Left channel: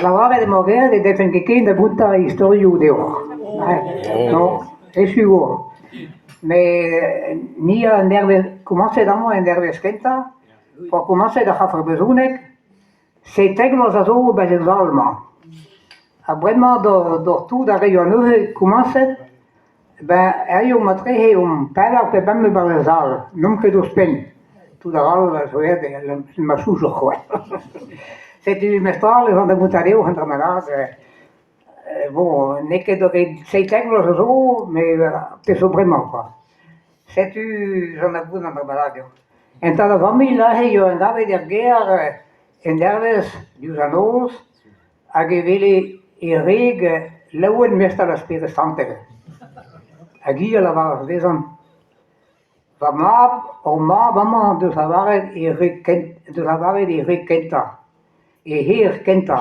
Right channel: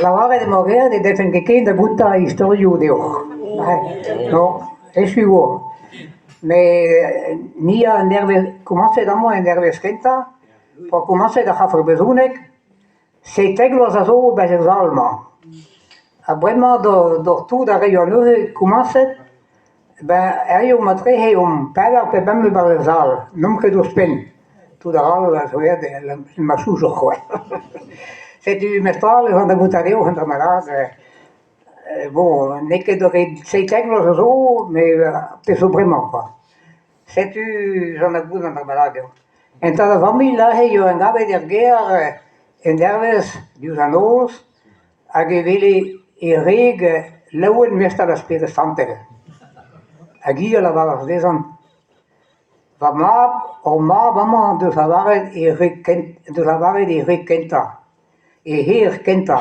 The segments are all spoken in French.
La vara de morrer de defen che da butta historiu de no, è sicuro. Me nia nerve commence damo en nerve skenta, po commence da hafer bezunek, se teglos a zo be zalma. A brema do tu da regione commence, ben io matre pala pe bemme barzal, non che do spen. Tu da al so il masuso quoi. Se tu mestrale van de butareo en tamarade. Bon, n'est que de sei teglos zo, mais peso brema quoi. Se tu j'en ai dans la balade. En ta famille là, io andavo der guerre en derves dus anos, a gevele e reg lauen mesta la spede santere. A gia la var desan. Va ma mama de savare e reg kenta. E heer kenta.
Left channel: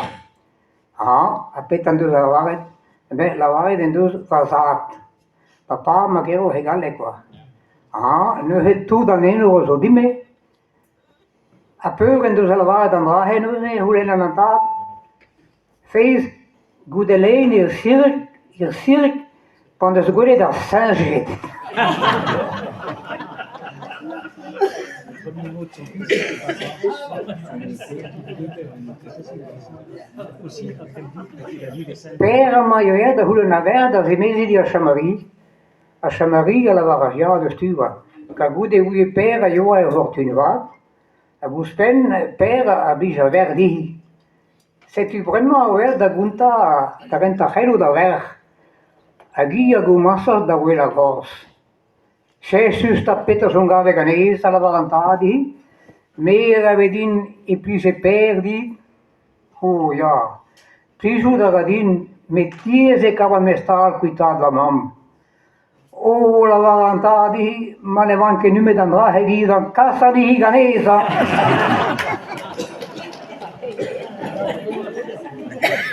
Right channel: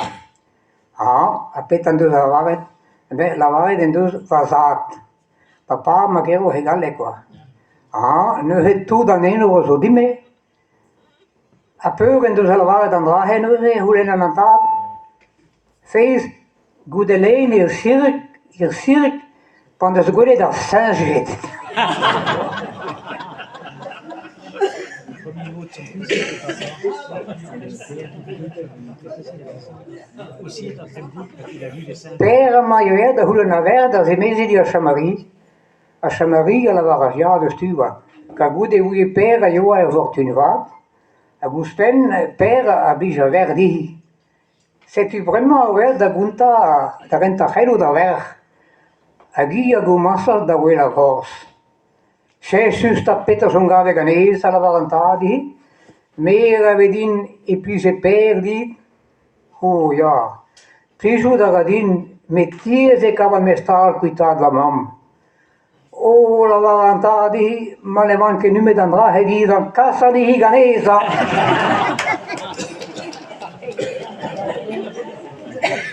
A petan de savare, la vare den dus vasat. Papa magero hegale quoi. Nu het tu dan een zo die mee. A peuren dus al waar dan daar heen hoe in een taal. Feest goede leen hier cirk, van de goede dat zijn zit. Père majeur de hoe naar weer dat ze mensen die a Chamarie la varagia de stuva. Ca gude ui pera io a fortunat. A guspen pera a bija verdi. Se tu vraiment ver da gunta da renta helu da ver. A gia go massa da quella cors. Se susta Peterson gave ganese alla valantadi. Mera vedin e plus se perdi. Oh ja. Prisu da gadin mettiese cava mestal quitad la mam. Oh, la valantadi, ma le van che nume d'andrà e di casa di Higanesa.